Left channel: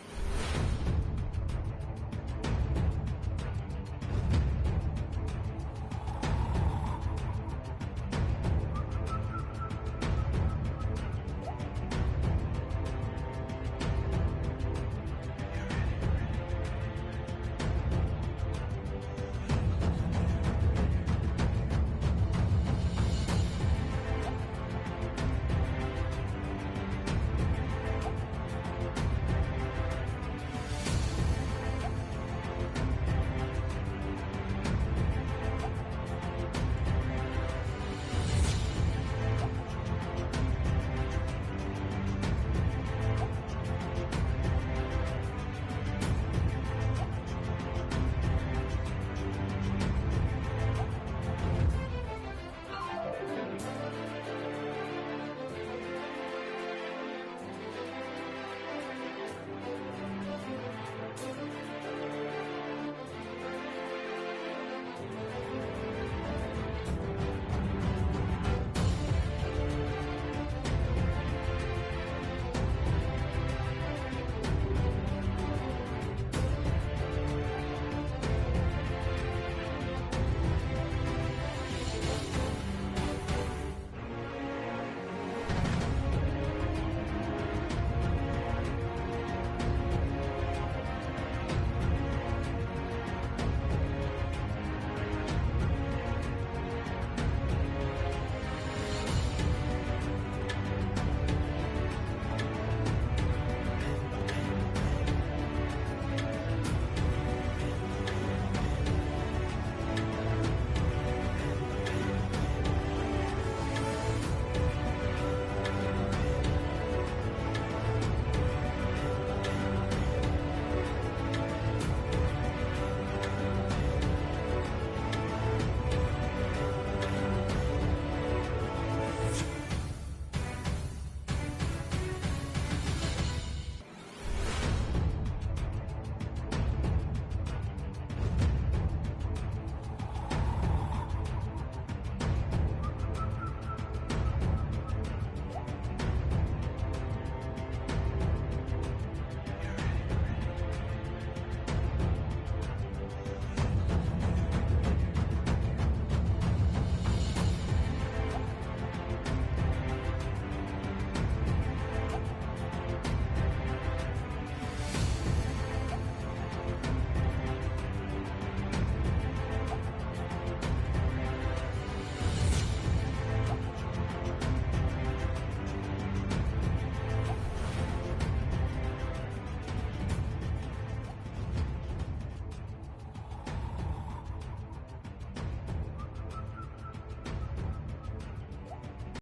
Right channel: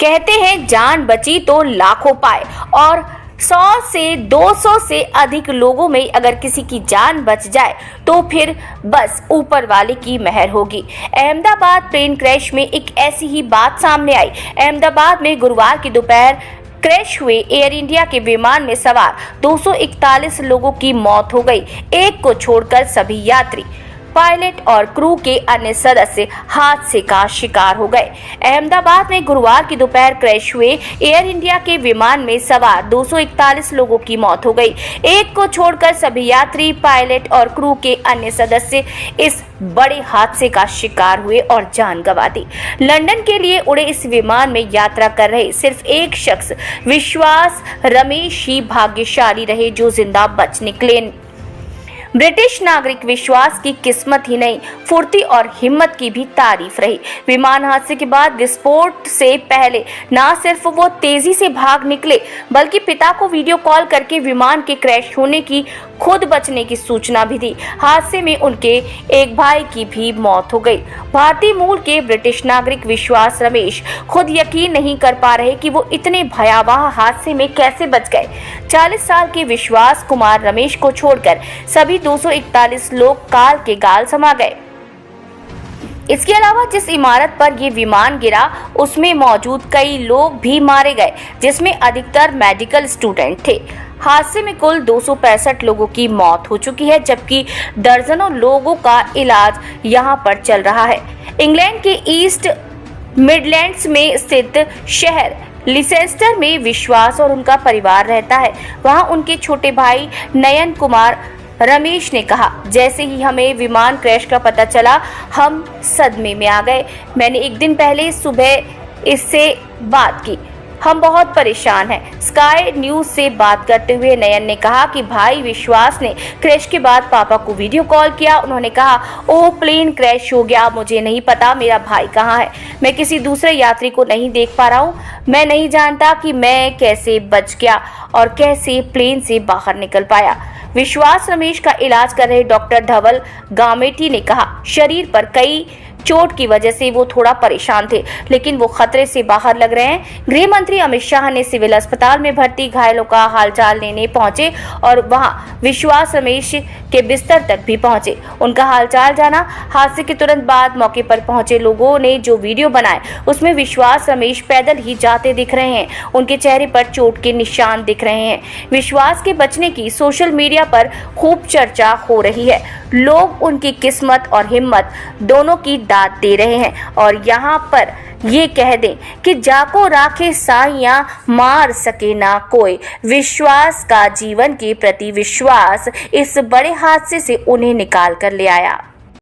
कहते हैं जान बची तो लाखों पाए, और 100 से 200 से अधिक लोगों में अगर किसी की जान बच जाए तो फिर बस ऊपर वाले की मेहर होगी। अहमदाबाद प्लेन क्रैश में एक ऐसी ही बात सामने आई। अहमदाबाद में गुरुवार की दोपहर क्रैश हुए एयर इंडिया के विमान में सवार 241 लोगों की मौत हो गई। एक को छोड़कर सभी यात्री, पायलट और क्रू के अन्य सदस्य हादसे का शिकार हो गए। अहमदाबाद में गुरुवार की दोपहर क्रैश हुए एयर इंडिया के विमान में सवार 241 लोगों की मौत हो गई। एक को छोड़कर सभी यात्री, पायलट और क्रू के अन्य सदस्य इस बड़े हादसे का शिकार हुए और जान गंवा दी। लंदन के लिए उड़े इस विमान में यात्रा कर रहे सिर्फ एक शख्स विश्वास रमेश ही भाग्यशाली रहे जो जिंदा बच निकले। ब्रिटिश नागरिक विश्वास की किस्मत ही नहीं, फुर्ती और हिम्मत की भी तारीफ रही। विमान हादसे के बाद विस्फोट से पहले न सिर्फ वो तेजी से भाग निकले बल्कि पिता को वीडियो कॉल करके विमान के क्रैश होने की, खुद बचने की सूचना भी दी। हादसे में उनके एक भाई की भी मौत हो गई। भारतीय मूल के ब्रिटिश नागरिक विश्वास रमेश खुद यकीन नहीं कर पा रहे कि वो इतने भयावह हादसे में कैसे बच गए। 40 साल के विश्वास कुमार रमेश को छोड़कर सभी 241 लोग काल के गाल समा गए। इसके अलावा जिस इमारत पर ये विमान गिरा उसमें मौजूद कई लोग भी मारे गए, जिसमें अधिकतर मेडिकल स्टूडेंट थे। हादसे में कुल 265 लोगों की मौत हो चुकी है, जबकि दर्जनों लोगों का इलाज यहां पर चल रहा है। इंग्लैंड के ईस्ट मिडलैंड्स में स्थित शहर लिसेस्टर में विश्वास और उनका परिवार रहता है। वहां उनके छोटे भाई नयन कुमार रमेश ने कहा, जैसे ही हमें विमान क्रैश का पता चला हम सदमे में आ गए। मैंने एक दिन पहले सुबह इससे बात की, हम बहुत परेशान हैं। स्काई न्यूज से बात करते हुए नयन ने कहा कि भाई विश्वास ने क्रैश के बाद पापा को वीडियो कॉल किया। उन्होंने कहा, ओह प्लेन क्रैश हो गया, मुझे नहीं पता मेरा भाई कहाँ है। मैं किसी दूसरे यात्री को नहीं देख पा रहा हूँ। मैं नहीं जानता कि मैं कैसे बच गया और कैसे प्लेन से बाहर निकल पाया। विश्वास रमेश का इलाज कर रहे डॉक्टर धवल गामेटी ने कहा, शरीर पर कई चोट की वजह से वो थोड़ा परेशान थे, लेकिन वो खतरे से बाहर लग रहे हैं। गृह मंत्री अमित शाह ने सिविल अस्पताल में भर्ती घायलों का हालचाल लेने पहुंचे और वहां विश्वास रमेश के बिस्तर तक भी पहुंचे, उनका हालचाल जाना। हादसे के तुरंत बाद मौके पर पहुंचे लोगों ने जो वीडियो बनाए उसमें विश्वास रमेश पैदल ही जाते दिख रहे हैं। उनके चेहरे पर चोट के निशान दिख रहे हैं। विश्वास के बचने की सोशल मीडिया पर खूब चर्चा हो रही है। लोग उनकी किस्मत और हिम्मत दोनों की दाद दे रहे हैं और यहाँ पर ये कह दें कि जाको राखे साइयां मार सके ना कोई। विश्वास का जीवन के प्रति विश्वास इस बड़े हादसे से उन्हें निकाल कर ले आया।